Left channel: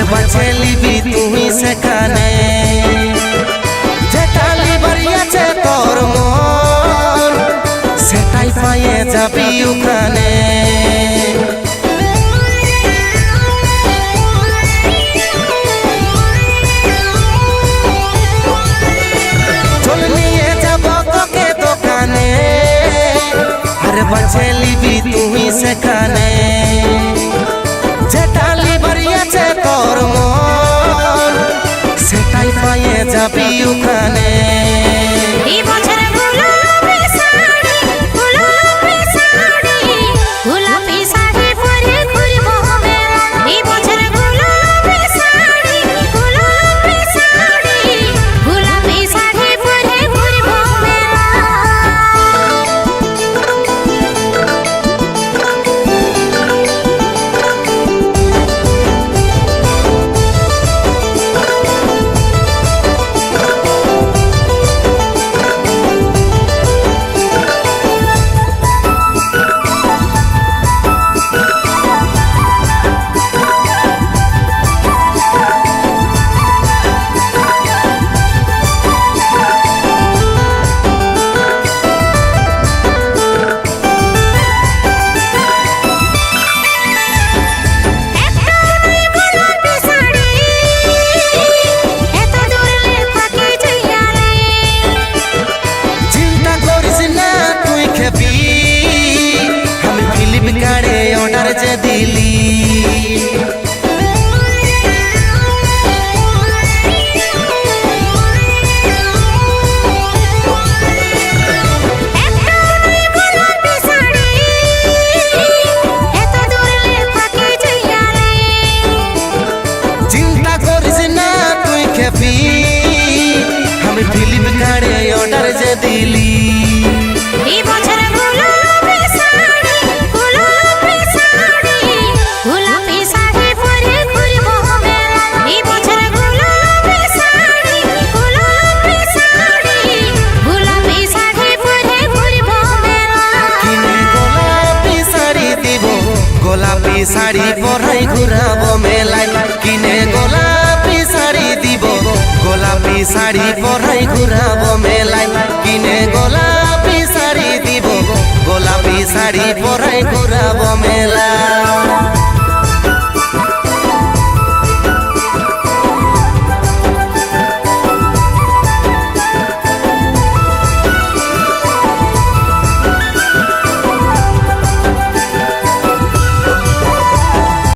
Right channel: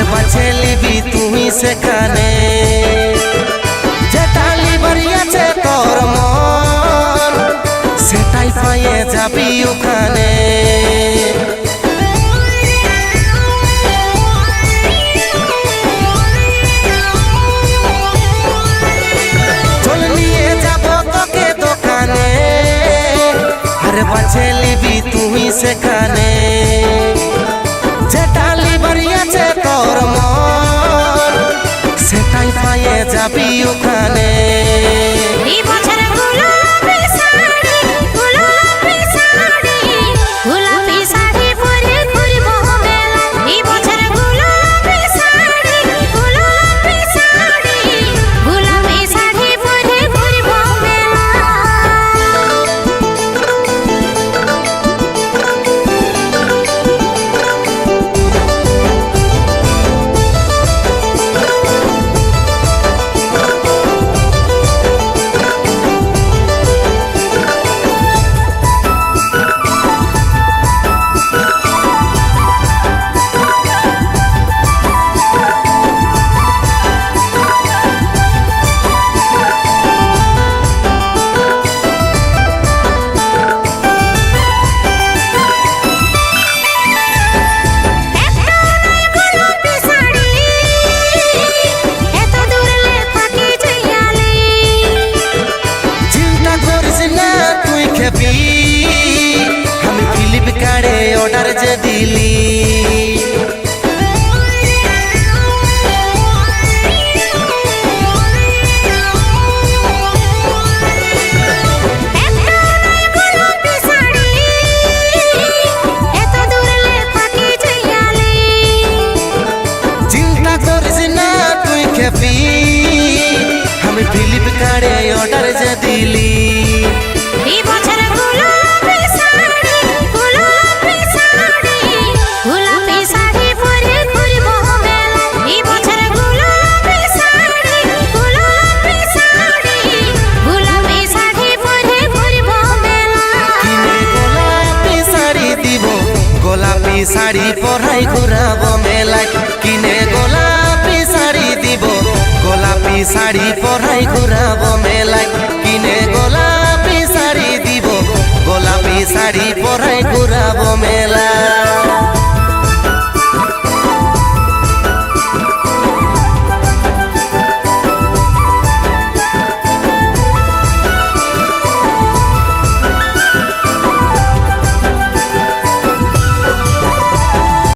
আরে বাছে লিবি তুই সেখানে যেটা লিবার আছে তোর মন সেটাই পাইয়ে যাবি ওখানে। চল নিয়ে যাব তোকে দোকানে আরে বাছে লিবি তুই সেখানে যেটা লিবার আছে তোর মন সেটাই পাইয়ে যাবি ওখানে। এই বছর গোলাপি শাড়ি গোলাপি শাড়ি গোলাপি শাড়ি পরে ঘুরব মেলা। এই বছর গোলাপি শাড়ি গোলাপি শাড়ি গোলাপি শাড়ি পরে ঘুরব মেলা। তুই খেবি আমি ফ্লিপকার্টে অর্ডার যে দিলি চিন্তা করিস না তুই খেবি আমি ফ্লিপকার্টে অর্ডার যে দিলি। এই বছর গোলাপি শাড়ি গোলাপি শাড়ি গোলাপি শাড়ি পরে ঘুরব মেলা। এই বছর গোলাপি শাড়ি গোলাপি শাড়ি গোলাপি শাড়ি পরে ঘুরব মেলা। কিনে গোলাপি শাড়ি দিব গোলাপি শাড়ি পরাই ঘুরাবো মেলায়। কিনে গোলাপি শাড়ি দিব গোলাপি শাড়ি পরাই ঘুরাবো মেলায়। কিনে গোলাপি শাড়ি দিব গোলাপি শাড়ি পরাই ঘুরাবো মেলা।